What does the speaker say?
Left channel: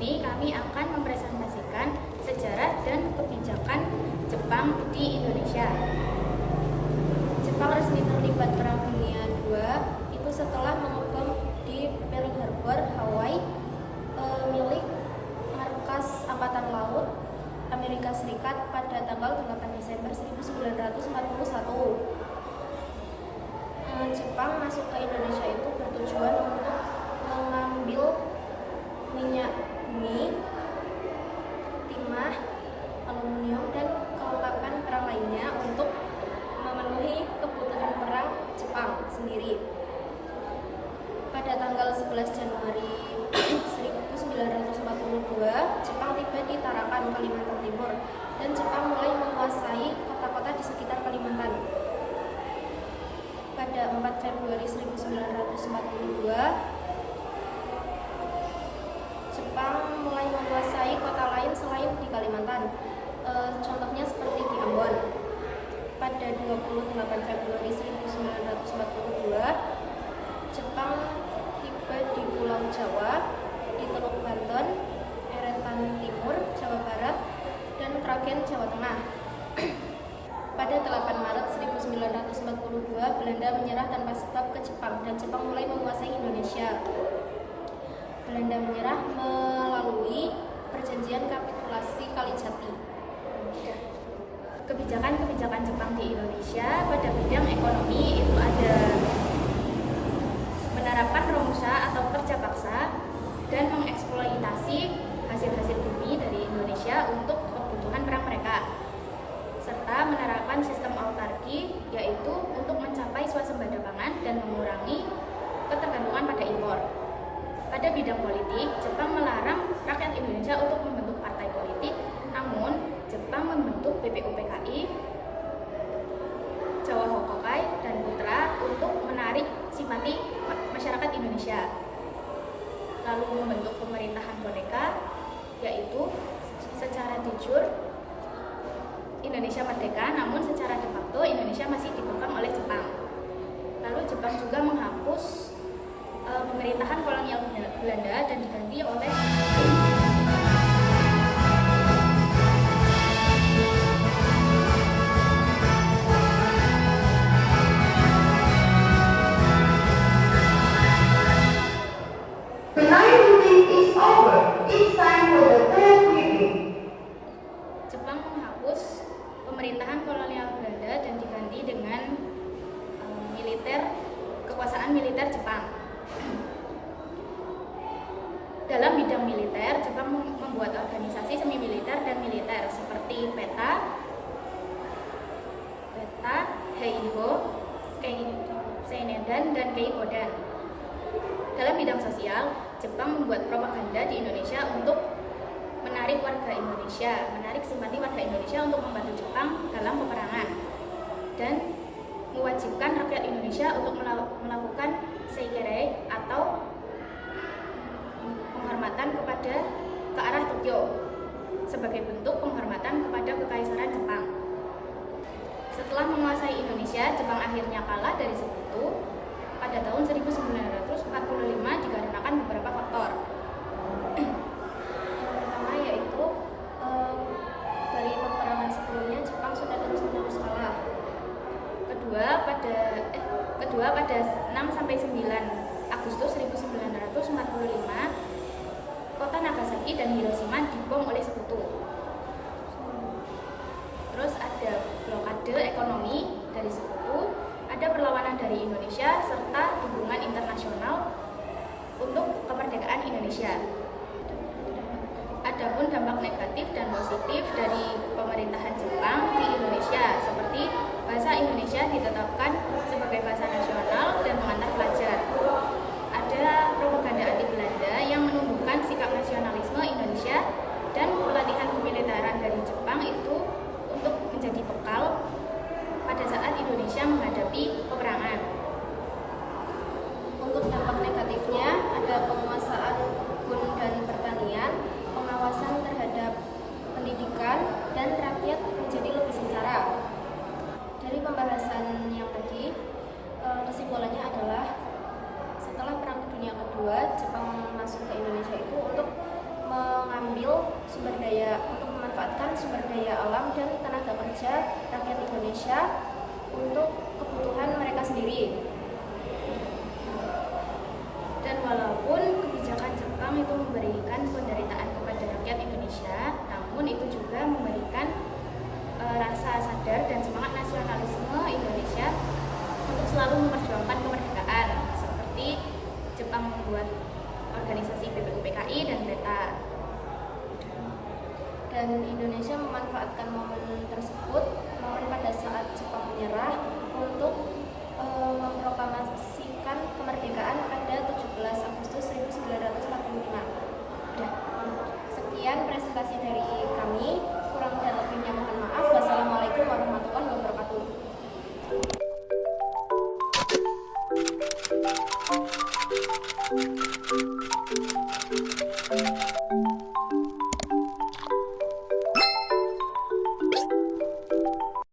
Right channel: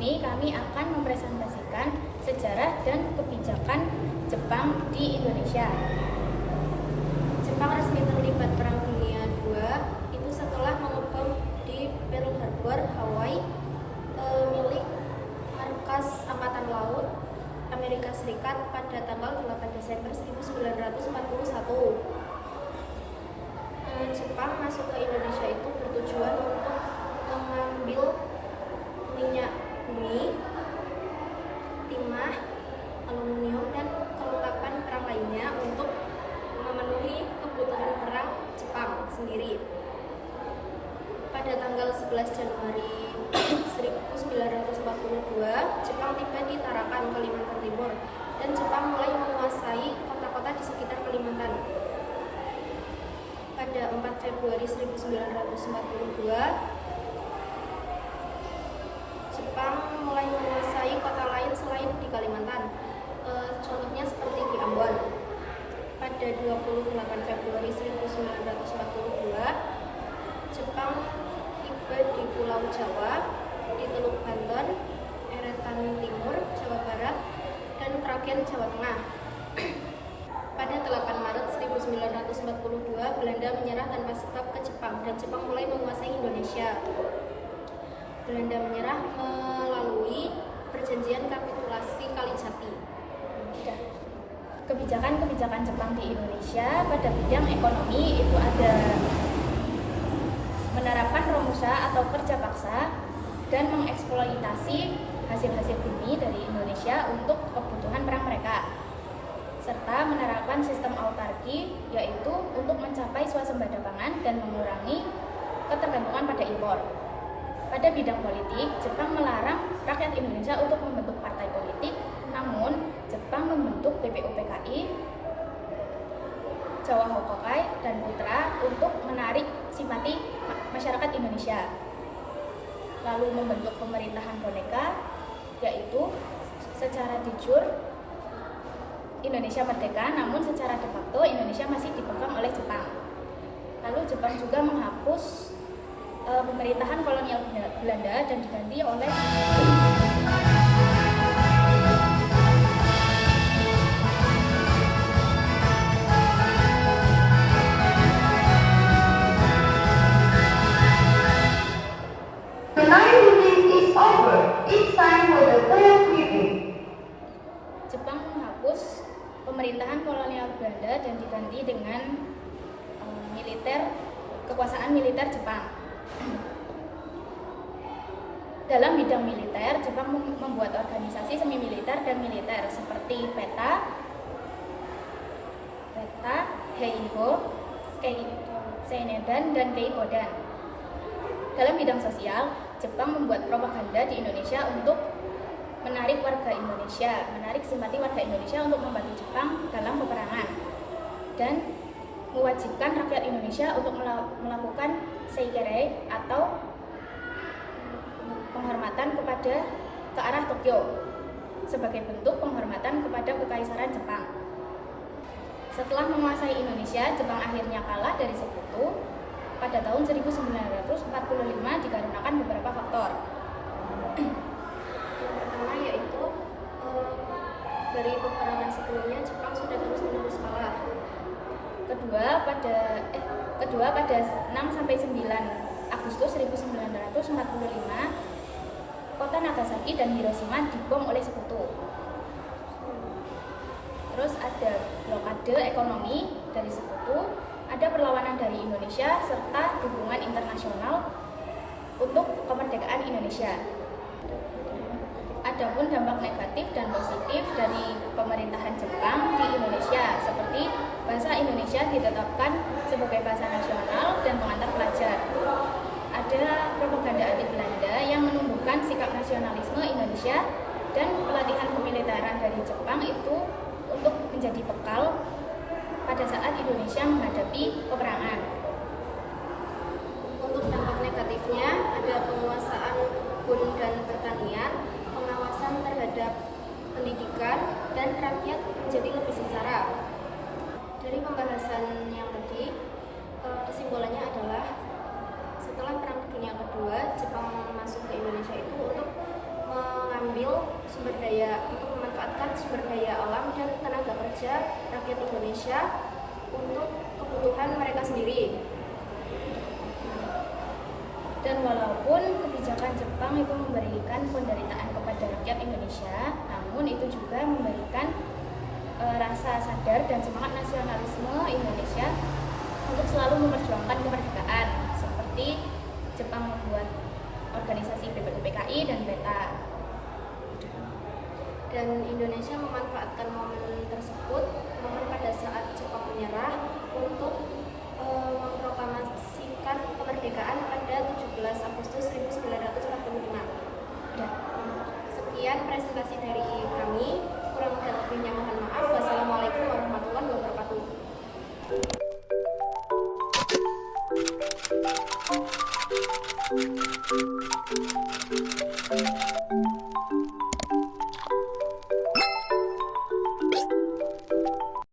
sini kami akan mempresentasikan sejarah dan kebijakan Jepang di Indonesia. Jepang resmi terlibat Perang Dunia II itu setelah mengebom di Pearl Harbor, Hawaii, milik markas Angkatan Laut Amerika Serikat pada tanggal 8 Desember 1941. Jepang masuk ke Indonesia itu bertujuan untuk mengambil minyak bumi, timah, aluminium, dan kelengkapan perang lainnya untuk memenuhi kebutuhan perang Jepang sendiri. Pada tanggal 11 Januari 1942, Jepang tiba di Tarakan, Kalimantan Timur, dan Jepang mulai menguasai kota-kota di sekitar Kalimantan. Pada 4 Februari 1942, Jepang mulai menguasai kota lain selain di Kalimantan, contohnya seperti di Ambon. Pada 28 Februari 1942, Jepang tiba di Pulau Jawa, di Teluk Banten, Eretan Timur, Jawa Barat, dan Kragen, Jawa Tengah. Pada 8 Maret 1942, Belanda menyerah tanpa sebab ke Jepang dan Jepang mulai menguasai Indonesia. Belanda menyerah melalui perjanjian kapitulasi Kalijati. Kebijakan-kebijakan Jepang di Indonesia pada bidang ekonomi itu ada menerapkan romusa atau kerja paksa dan mengeksploitasi hasil-hasil bumi dari Indonesia untuk kebutuhan perang mereka, serta menerapkan sistem autarki, yaitu untuk mencapai swasembada pangan dan mengurangi ketergantungan pada impor. Pada bidang politik, Jepang melarang rakyat Indonesia untuk membentuk partai politik, namun Jepang membentuk BPUPKI, Jawa Hokokai, dan Putra untuk menarik simpati masyarakat Indonesia. Lalu membentuk pemerintahan boneka, yaitu secara de jure Indonesia merdeka, namun secara de facto Indonesia masih dipegang oleh Jepang. Lalu Jepang juga menghapus pemerintahan kolonial Belanda dan diganti oleh pemerintahan kolonial Belanda dan diganti dengan kekuasaan militer Jepang. Dalam bidang militer, Jepang membuat organisasi semi militer dan militer seperti PETA, Heiho, Seinedan, dan Keibodan. Dalam bidang sosial, Jepang membuat propaganda di Indonesia untuk menarik simpati warga Indonesia untuk membantu Jepang dalam peperangan, dan mewajibkan rakyat Indonesia untuk melakukan seikere atau penghormatan ke arah Tokyo sebagai bentuk penghormatan kepada kekaisaran Jepang. Setelah menguasai Indonesia, Jepang akhirnya kalah dari sekutu pada tahun 1945 dikarenakan beberapa faktor. Yang pertama yaitu dari peperangan sebelumnya Jepang sudah terus-menerus kalah. Kedua pada 6 sampai 9 Agustus 1945 kota Nagasaki dan Hiroshima dibom oleh sekutu. Terus ada blokade ekonomi dari sekutu, ada perlawanan dari Indonesia serta dukungan internasional untuk kemerdekaan Indonesia. Adapun dampak negatif dan positif dari pemerintahan Jepang di Indonesia, seperti bahasa Indonesia ditetapkan sebagai bahasa nasional dan mengantar pelajar. Ada propaganda anti Belanda yang menumbuhkan sikap nasionalisme Indonesia, dan pelatihan kemiliteran dari Jepang itu untuk menjadi bekal pada saat Indonesia menghadapi peperangan. Untuk dampak negatifnya ada penguasaan kebun dan pertanian, pengawasan terhadap pendidikan, dan rakyat menjadi lebih sengsara. Dari pembahasan yang tadi, kesimpulannya adalah setelah Perang Dunia Kedua, Jepang masuk ke Indonesia itu untuk untuk memanfaatkan sumber daya alam dan tenaga kerja rakyat Indonesia untuk kebutuhan mereka sendiri. Dan walaupun kebijakan Jepang itu memberikan penderitaan kepada rakyat Indonesia, namun itu juga memberikan rasa sadar dan semangat nasionalisme Indonesia untuk selalu memperjuangkan kemerdekaan, seperti Jepang membuat organisasi BPUPKI dan PETA. Dan Indonesia memanfaatkan momen tersebut, momen pada saat Jepang menyerah, untuk memproklamasikan kemerdekaan pada 17 Agustus 1945. Sekian presentasi dari kami, kurang dan lebihnya mohon maaf. Wassalamualaikum warahmatullahi wabarakatuh.